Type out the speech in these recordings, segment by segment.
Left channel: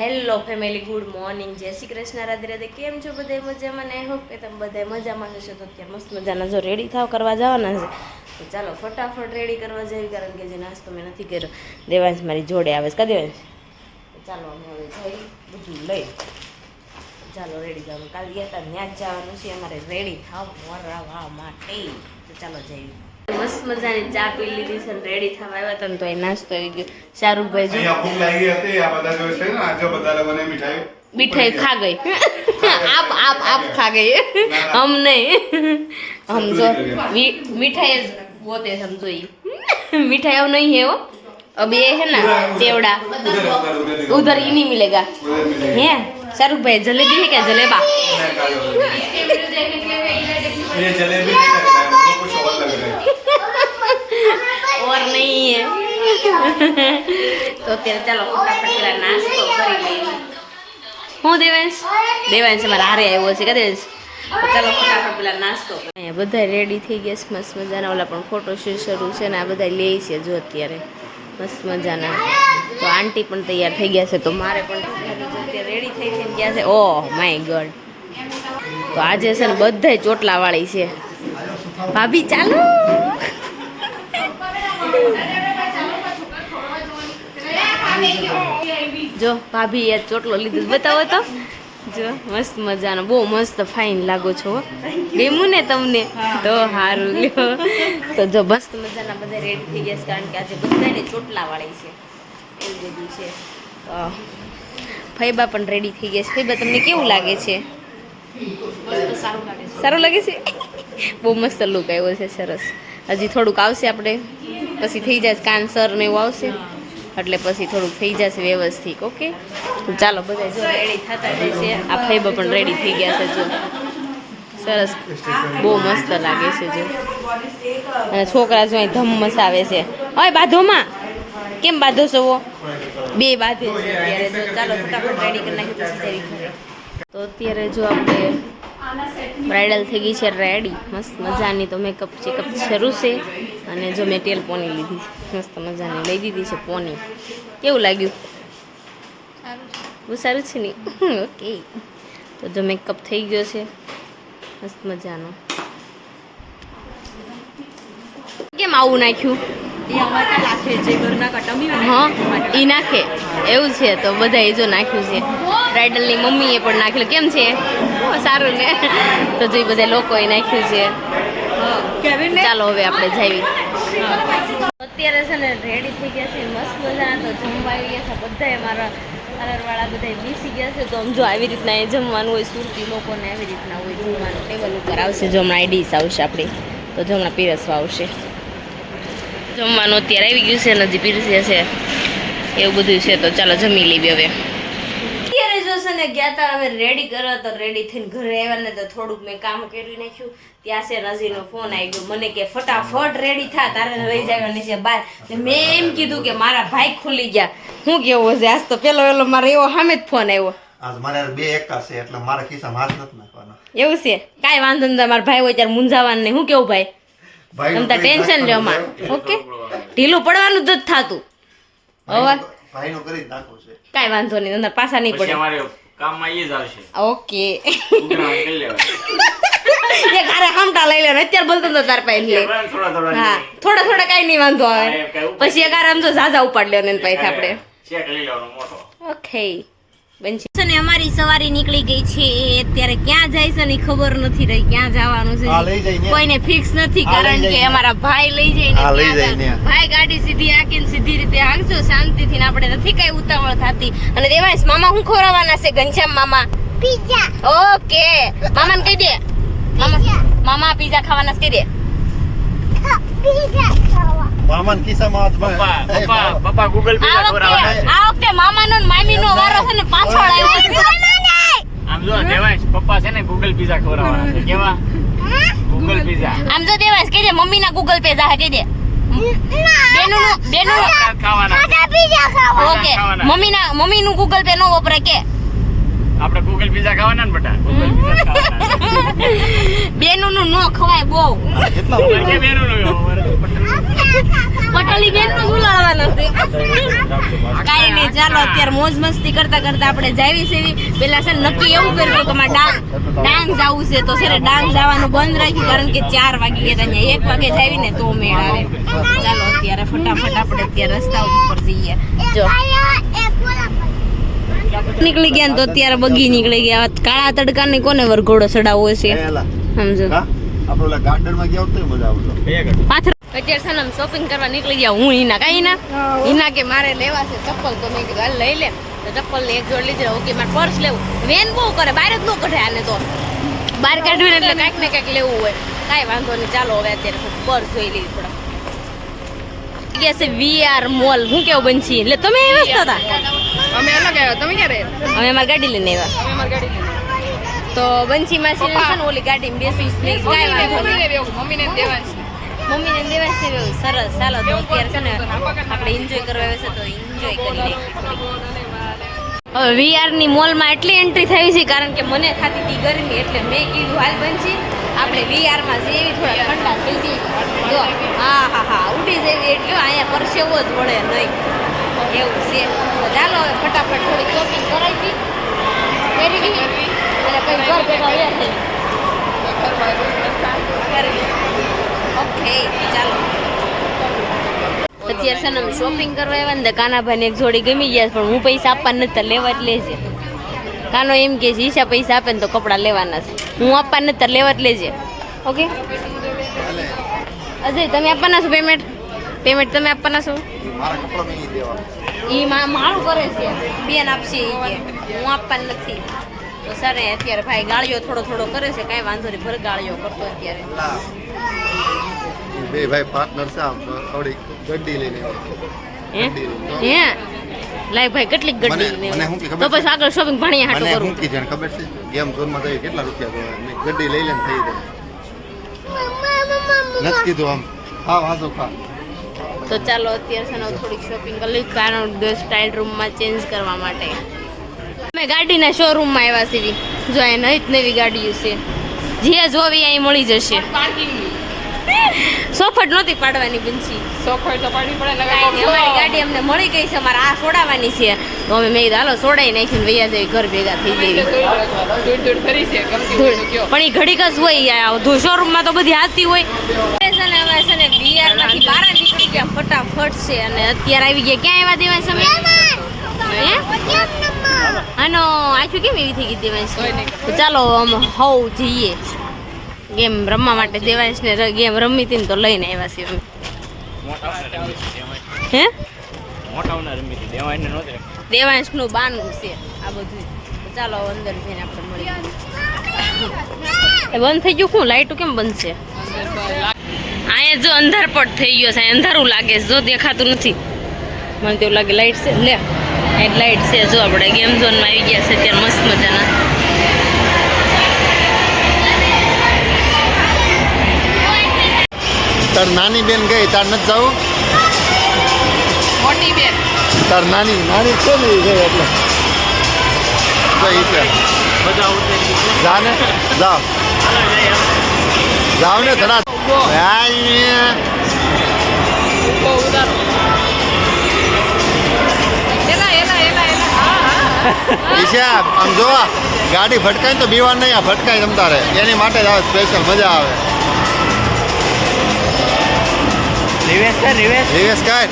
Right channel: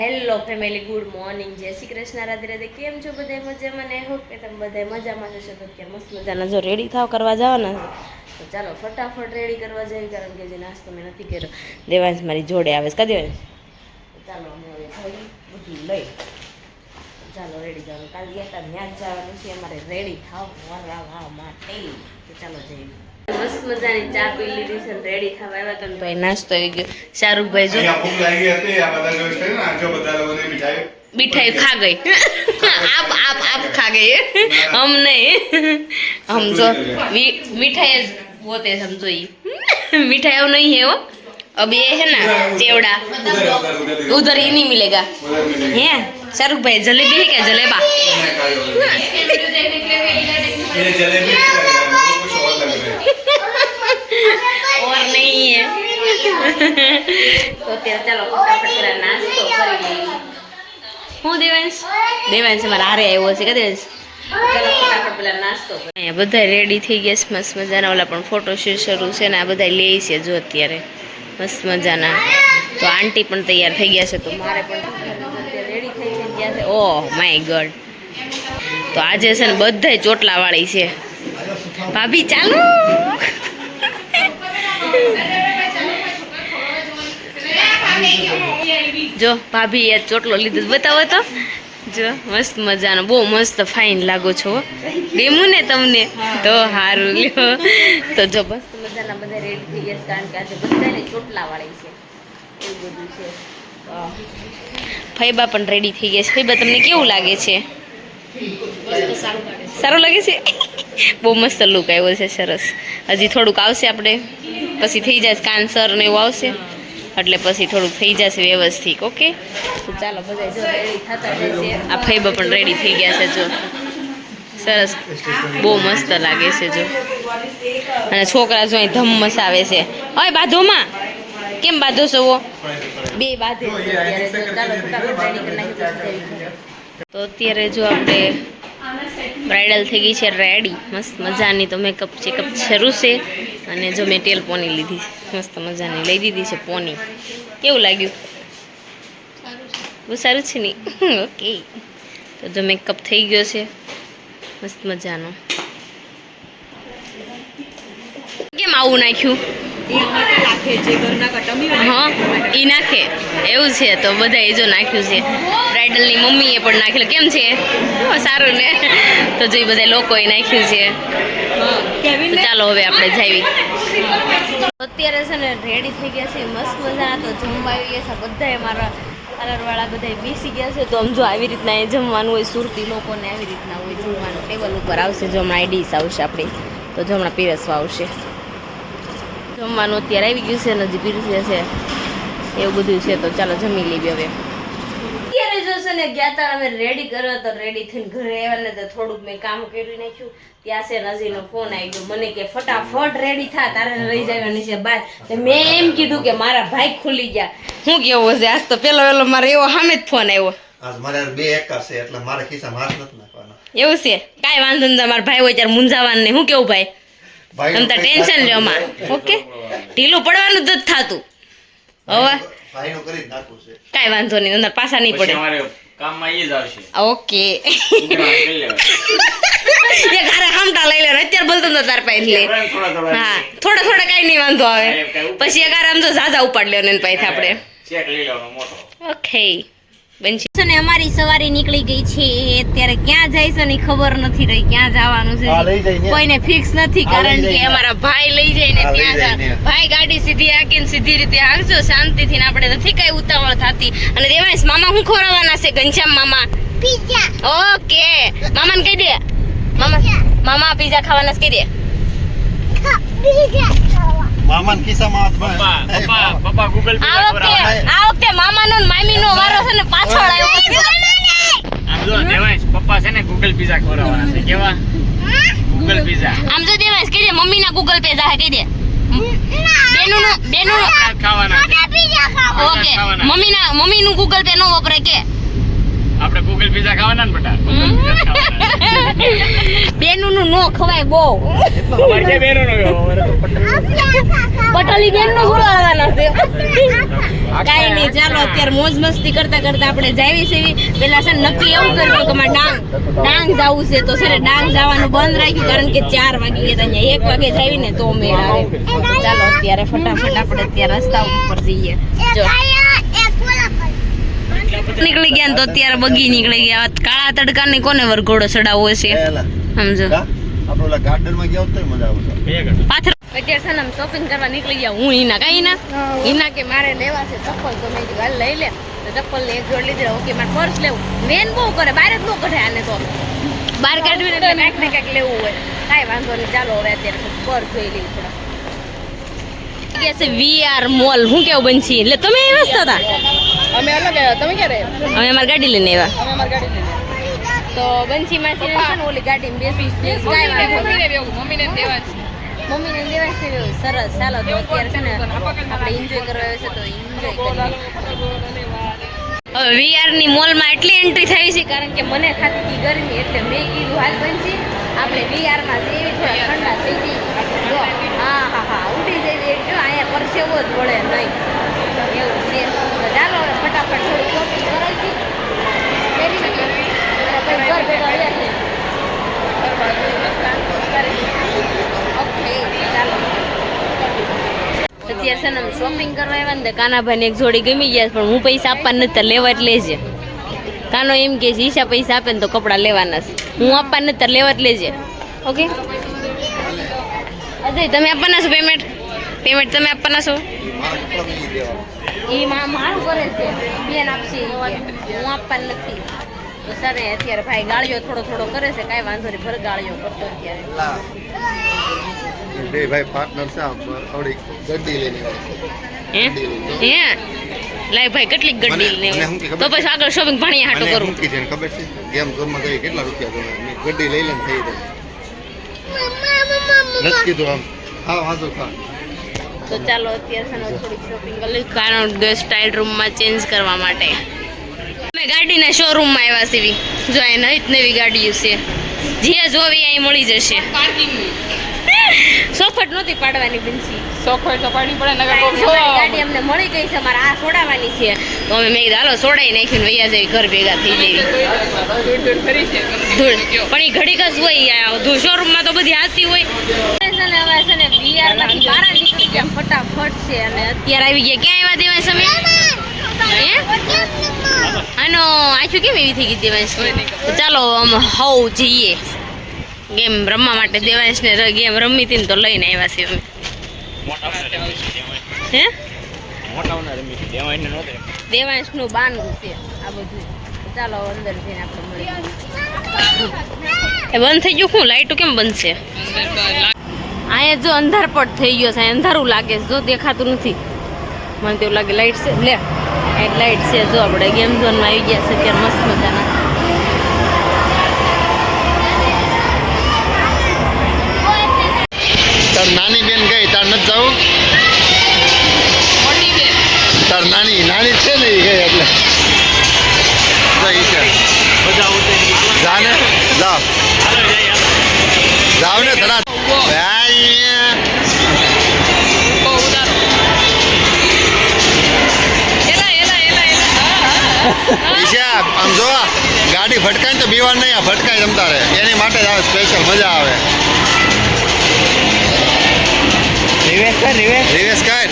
Hello family, good morning, જય શ્રી કૃષ્ણ, રાધે રાધે. કેમ છો બધા? મજામાં ને? હોપ કે તમે બધા મજામાં જશો. તો અત્યારે મસ્ત મજાના જો રેડી થાવ કરવા જવાના છે, તો ચાલો ફટાફટ રેડી કરવા જઈએ, કારણ કે જે નાસ્તો મેં નથી કર્યો. દેવાંશ મારી જોડે આવે છે. કા દેવાંશ? ચાલો અમે હવે જઈ બધું લઈ, ચાલો રેડી જવાનું. કાલ ગયા હતા ત્યાં જ જવાનું છે અમારે રેડી થાવ વરાવા માટે. તો ચાલો જઈએ. મસ્ત મજાની ચા પી લીધી છે, રેડી થવા આવ્યા હતા ને તો અહીં નાસ્તો આવી ગયો. શાહરુખભાઈ જો मिठाई खा गई आप खा गए हम नहीं, हम जो मिठाई होते समझो ये मिठाई अब नहीं है वो, अब ये है ना चेवड़ा, उधर ही नहीं मिलेगा है. शाहरुख भाई जलेबी है क्या? जलेबा और नहीं है. तो चलो फटाफट पेला नास्तो કરી લઈએ. હું દેવાંશ મારા હારે આવ્યો છે. કે દેવાંશ ચાલો ફટાફટ પેલા નાસ્તો કરીએ. અહીંયા બધા રેડી થઈ ગયા છે મસ્ત મજાના. ઓલા પણ ફોટોશૂટ શરૂ છે ને આ બધા લે છે જો અત્યારે મસ્ત મજાના. તો આંટી પણ તૈયાર થઈ ગયા છે, તો મારે પણ અત્યારે રેડી થઈ ગયા છે. Oh my God. તો આજે છે ને બધા ચોટલા વાળી છે. ભાભી ચાલો જો ભાભી એ ચોટલો લીધો, બતાવો તો. જો મસ્ત મજાનો, બહુ મસ્ત ફાઇન લાગો છો. ગમ્યું ને તમને? તો સારું લ્યો. તો જો મસ્ત મજાના બધા રેડી થઈ ગયા છે, કારણ કે આજે બધાને ચોટલા વાળી છે, એવું બધું છે. તો ફૈબા પણ રેડી થઈ ગયા છે. ફૈબા તમને કેવું લાગે છે? સારું લાગે છે. બહુ મસ્ત લુક આવ્યો છે, સરસ. હજી થોડુંક આવશે, આપણે પછી થઈ જાય કાનસર ને એવું આવશે, એટલે પછી થોડુંક થઈ જશે વ્યવસ્થિત. ઓકે, તો ચાલો બધા જો રેડી થતા જાય છે. આ ફૈબા પણ રેડી થઈ ગયા છે, જો સરસ, બહુ મસ્ત લાગે છે. જો અને છોકરા જો અહીં ધમ મસાવે છે. ઓય બાધોમાં કેમ બાંધો છો? બે બાંધે છે અત્યારે. જો ચાલો ફટાફટ રેડી કરી નાખી પછી જઈ ઘરે. તો અત્યારે જો આપણે બ્રાઇડલ થઈ ગઈ છે રેડી મસ્ત મજાની. તો મેકઅપ ચેકઅપ શરૂ છે, અને જો મેં તેલ પોની લીધી મસ્ત મજાની લઈ દીધી છે પોની. કેવું લાગ્યું? બહુ સારું છે ને? ઓકે, તો જો મેકઅપ થઈ ગયો છે મસ્ત મજાનો. કેમ આવું નાખ્યું? હા એ નાખે એવું છે. તો બધા એ જો નાખ્યું છે. બ્રાઇડલની મમ્મીએ પણ નાખેલું. કેમ છે? સારું ને? તો જો બધા લોકોએ નાખ્યું છે. ચાલો હવે આપણે જાવી. અત્યારે છે ને રેડી થઈ ગયા છે મસ્ત મજા. તો જમવા આવી ગયા છે બધા. મારા પાર્લરવાળા બધા બેસી ગયા છે. તો આમ જો આવી રીતના એ જમવાનું હોય, સુરતી લોકોને આવી રીતના હોય જમવાનું. ટેબલ ઉપર આવશે, જો હમણાં આઈડીસ આવશે આપણી, તો જો હમણાં પીરસવા આવશે. જમવાનું અત્યારે આવી ગયું છે, નજી પીરસે છે, એવું બધું છે. તો ચાલો જમી લેવી હવે. અત્યારે જો છે ને ગયા હતા અમે રેડી કર્યો, તો રેડી થઈને ઘરે આવ્યા ને તો થોડુંક મેં કામ કરી નાખ્યું. ત્યાં છે નજીનો ફોન આવી ગયો મને કે ફટાફટ રેડી થા, તારે લઈ જવાની છે બહાર. મેં એમ કીધું કે મારા ભાઈ ખુલી ગયા. શું કેવું છે? આજ તો પેલો મારે એવો સામે જ ફોન આવ્યો. આજ મારે બે એકર છે, એટલે મારે ખિસ્સામાં હાથ નથી નાખવાનો. એવું છે? કાંઈ વાંધો નહીં. મારા ભાઈ હોય ત્યારે મૂંઝાવાનું નહીં. શું કેવું ભાઈ? તમે તાર ટેન્શન લ્યો માં. ઓકે, ઢીલું પડવાનું જ થતું. હવે ભાઈનું કરી નાખું છે, કાંઈ વાંધો નહીં, અંદર પાછા નહીં પડે. કામમાં એ જ આવશે. ઓકે, એ ઘરે હામટા લઈ લેવાનો. અત્યારે બોલતો તો તાર પાસે લે. હા, થોડા થોડા કાંઈ નહીં વાંધો આવે. પછી એક આરામ તો ઝાઝા ઉપાડ લેવાનો એની પાસે આપણે. ચેક લઈ લેવાનો મોટો. ઓકે બનશે ને. અમારી સવારી નીકળી ગઈ છે. અત્યારે ક્યાં જાય છે ને ખબર નથી રહી, ક્યાં જવાનું છે કોઈને ફિક્સ નથી, કારણ કે અમારા ભાઈ લઈ જાય ને ત્યાં. ભાઈ ગાડી સીધી હાકીને સીધી રીતે હાંકજો શાંતિથી, ને આપણે નથી કઈ ઉતાવળ થતી. અને દેવાંશ મામા શું ખવડાવવાના છે? ઘનશ્યામ મામા પિઝા. ઓકે, મામાને કહી દે. મામા પિઝા ખાવાના કહી દે. મામાન ખિસ્સામાં પપ્પા ગૂગલ પે આ વખતે મામાનો ને મામીનો વારો છે ને પાછળ આવ્યો. આમ જો દેવાંશ પપ્પા છે ને ગૂગલ પીઝા ખવડાવવાના છે. કેવા? Google pizza. આમ જો દેવાંશ કહી દે મમ્મી ના ગૂગલ પે જાહે કહી દે. બેનું ખાવાના ઓકે, મમ્મી નું ગૂગલ પે નો વપરાય કે? આપણે ગૂગલ પિઝા ખાવાના ને બેટા ગૂગલ પિઝા ખાવાના બેનું નું નો ખવાય બહુ વચ્ચે બેનો નો પટોલી બેન નું બોલાવવાના છે કાઈ નહીં ચાલો અત્યારે મોજ મસ્તી કરતા કરતા આપણે જાવી સેવી પેલા છે ને નક્કી એવું કર્યું કે મારે ડાંગ જવું છે તો સર ડાંગ જવાનું બંધ રાખ્યું કારણ કે 4 વાગી ગયા હતા 1 વાગે જાવી ને તો મેળ આવે ચાલો અત્યારે ફટાફટ આપણે અત્યારે રસ્તા ઉપર જઈએ જો નીકળી ગયા ને તો અત્યારે બગી નીકળી ગયા કાળા તડકા ની કોને વરઘોડો ચડાવવો છે સમજો આપણે ઓલા ગાર્ડન માં ગયા હોત તો મજા આવતો પાથર અત્યારે સનમ શોપિંગ કરવા નીકળી ગયા હું હિના કે મારે લેવા છે ચપ્પલ તો મેં કીધું હાલ લઈ લે તો ચપ્પલ ની એક જોડ લીધી ઓકે મારે પર્સ લેવું વેન બહુ કરે બહાર જ ન કઢે આને તો બહાર કાઢ્યું એટલે કાંઈક ને કાંઈક લેવું હોય કાંઈ વાંધો નહીં ચાલો હવે અત્યારે પર્સ જોઈ લઈએ થોડા છે વીઆર મોલ હું કેવું બનશી એટલે તમે આવ્યા હતા અમે અલગ આવ્યા તમે ક્યારે અમે અમારી ગાડી લઈને આવ્યા અમે અમારી ગાડી તો બંસીમાં છે ને ઓલી ગાડીમાં બેસી પ્લીઝ કાંઈ વાંધો નહીં મમ્મીને દેવાની મમ્મીને દેવાય છે એવું સરસ ચાલો તો અત્યારે છે ને આપણે એન્જોય કરવા આવે છે તો એન્જોય કરી લઈએ હવે વીઆર ની મોલમાં એટલી એન્ટ્રી થઈ છે કારણ કે મને થતી હતી ગરમી એટલે મેં કીધું હાલ બનશી આપણે વીઆર માં જેવી થોડા ઠંડા થઈ જઈએ જો હા ઉડી જઈએ એટલે અહીંયા પરસેવો જ વળે નહીં એવું છે તો ચાલો હવે ફટાફટ થોડી શોપિંગ કરાવી હતી અને પછી ઘર ભેગા રહ્યા છે ઓકે ચાલો અત્યારે છે ને અમે શોપિંગ કરવા આવ્યા ને કાનાભાઈને એક જોડી ગમી ગયા પણ હું પૈસા આપવા નથી લેવા જ લેજે કાનો એમ કે છે ઈશા પૈસા આપે ને તો કપડાં લેવાના છે હું આપવા નથી લેવા જ લેજે ઓકે અજય તમે આપવાના છો પેમેન્ટ તમે આપવાના છો એ મારું કરે છે બેન આપશે એ કે હું આપવા નથી તો સર અત્યારે ભાઈ ગાળીઓ થોડો કરે છે કાંઈ વાંધો નહીં ભર ગાળીઓ કરતો અત્યારે બે ભાઈ પાર્ટનર છે આમ થોડી ગड्डी લઈને હે લાઈ ભાઈ કેટલી ગड्डी લઈને તો પછી આગળ શોપિંગ ભાણિયા હાટો કરું મૂકી છે ખબર છે ગેમ ઝોન માં જઈ કેટલા રૂપિયા મેં ગड्डी લઈ લઈને થઈ જાય નથી કીધું આમ હા વાંધો ખા તો ચાલો અત્યારે છે ને થોડીક શોપિંગ કરી લઈ કારણ કે સ્ટાઇલ રૂમમાં ચેન્જ કરવા માટે અમે ગાડીના શોરૂમમાં આવ્યા છીએ જો અહીં નવી ગાડીઓ છે જે જોવી અહીં મળી જશે સોફટ નહોતી પાડવાની બનશી સોખોય તો પાડી પડે અમારી ગાડી અમને મળી ગઈ છે અમારે આ છોડાવવાની છે તો અમે મેં કીધું હાલો છોડાઈ નાખ્યું વૈયા જઈ ઘર ભેગા થઈ જઈએ કરી છે ધૂળ પણ એ ઘડીક જ હોય શોરૂમમાં તો બધી હાથી હોય છે ને હવે છે ને વીઆર માંથી બહાર નીકળી ગયા ફટાફટ છે અને અત્યારે આવી ગયા ક્યાં આવ્યા દેવાય સમય આનો આખું કેમ એવી થઈ ગઈ દેવાંશ તો ચાલો અમે હવ જઈએ ગેમ રમવા માટે દેવાંશ ને ગેમ રમી હતી ને તો લઈને આવ્યા છીએ અમે હે દેવાંશ નું બાનું છે આ બધું તો ચાલો અંદર જઈને આપણે મળી એ બંધ થઈ ગયું શું લાઈટો કેમ બંધ છે અહીંયા જો અંધારપટ થઈ ગયો છે અંધારું લાગે છે જો દેખાતું નથી મને તેવું લાગે લાઈટ છે લે લાઈટ છે જો આપણે ગેમ ઝોનમાં આવી ગયા છે અત્યારે મસ્ત મજાના તાર નાની બેન ગઈ તાર નથી જવું મોટી બેન તાર નાની છે ને એ ગઈ એટલે જઈ છે જા ને જાવ ને ધડા બહુ ઉદારો ઈશા આમ જો ગાડી ભટકાય ને તો બીવાર નહીં આ ભટકાય જમતા રહે એની માટે જ આવે સ્પેશિયલ મજા આવે રિવેશ કર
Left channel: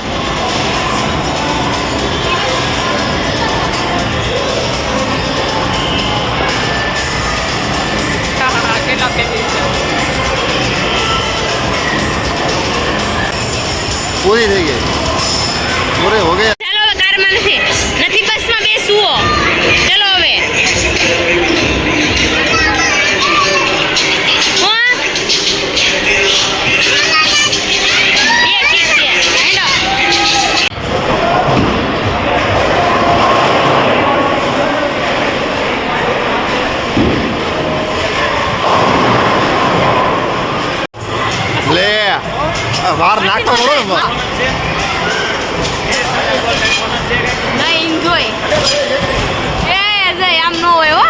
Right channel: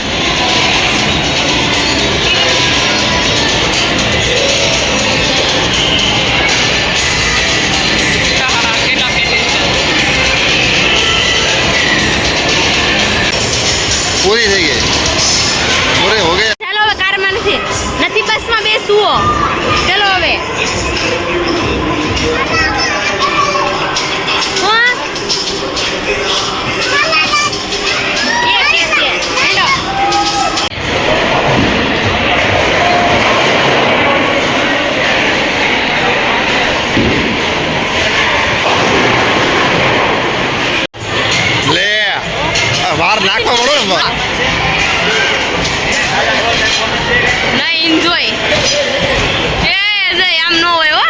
પૂરી થઈ ગઈ પૂરે હો ગયા ચાલો હવે કારમાં નથી બસમાં બેસવું ચલો હવે લે વાર નાખવા પડો ને એન્જોય આમ ન હોય હો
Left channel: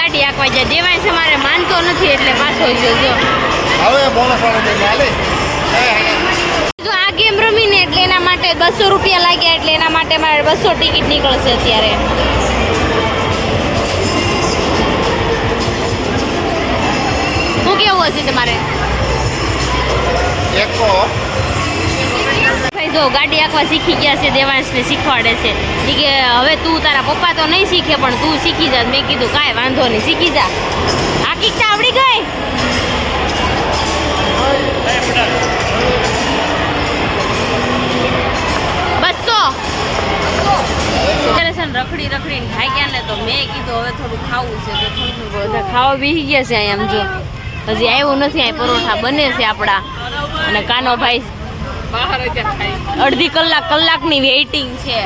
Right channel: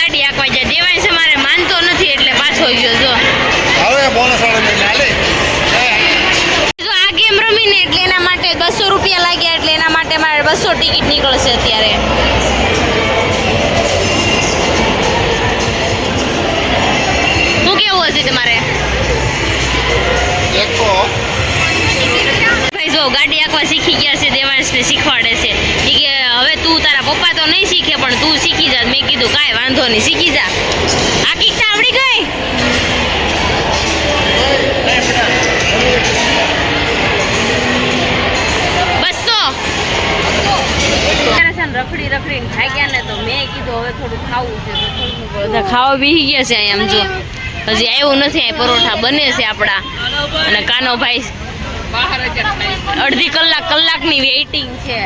ગાડી આંકવા જાય. દેવાંશ અમારે માનતો નથી એટલે પાછો ગયો જો. હવે બોનસ વાળો એટલે હાલે જો આ ગેમ રમીને એટલે એના માટે 200 રૂપિયા લાગ્યા એટલે એના માટે મારે 200 ટિકિટ નીકળશે અત્યારે. શું કેવું હશે તમારે? એકો ભાઈ જો ગાડી આંકવા શીખી ગયા છે, દેવાંશને શીખવાડે છે. ઈ કે હવે તું તારા પપ્પા તો નહીં શીખે પણ તું શીખી જા. મેં કીધું કાંઈ વાંધો નહીં, શીખી જા. આંકી તો આવડી ગઈ. રખડી રખડીને ખાઈ ગયા ને તો મેં કીધું હવે થોડું ખાવું છે તો થોડું બધા ખાવા બેસી ગયા છે અહીંયા. આમ જો હજી આવ્યું નથી. અહીં પરોઠા બને છે આપણા અને કાનો ભાઈ બહાર અત્યારે ખાઈ અડધી કલાકની વેઇટિંગ છે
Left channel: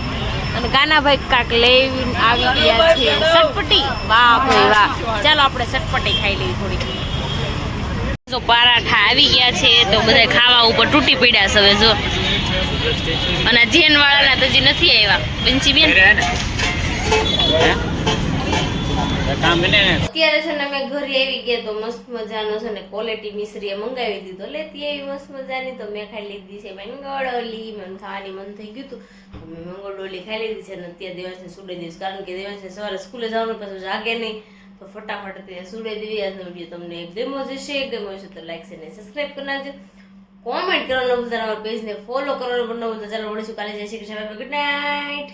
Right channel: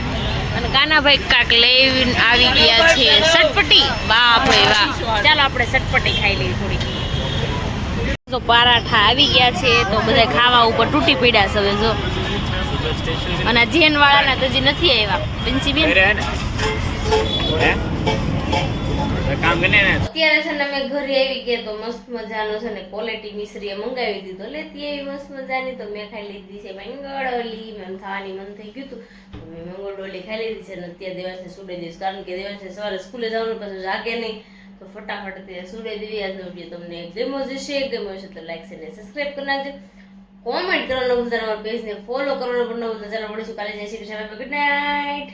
અને કાનાભાઈ કાક લઈને આવી ગયા છે સટપટી. વાહ ભાઈ વાહ, ચાલો આપણે સટપટી ખાઈ લઈએ થોડી. તો પરાઠા આવી ગયા છે તો બધા ખાવા ઉપર તૂટી પડ્યા છે હવે જો. અને જેન વાળાના તો હજી નથી આવ્યા. બિંચી બેન કામ બને ને અત્યારે છે ને અમે ઘરે આવી ગયા તો મસ્ત મજાનો છે ને ક્વોલિટી મિશ્રીએ મંગાવી દીધો. લેતી એવી મસ્ત મજાની તો મેં ખાઈ લીધી છે મંગળોલી. મને ખાવાની મન થઈ ગયું હતું તો મેં મંગળોલી ખાઈ લીધી છે. અને અત્યારે દેવાંશને સુડાઈ દઈશ કારણ કે દેવાંશને સવારે સ્કૂલે જવાનું પાછું જાગે નહીં તો ફટાફટ અત્યારે સુડાઈ દેવી. આજનો વિડીયો તમને ગમ્યો હશે તો લાઈક છે ને સબસ્ક્રાઈબ કરી નાખજો. કોમેન્ટ કરવાનું ભૂલતા, અમારા પેજને ફોલો કરવાનું પણ ન ભૂલતા. ચાલો મળીશું કાલે. જય શ્રી કૃષ્ણ, ગુડ નાઇટ.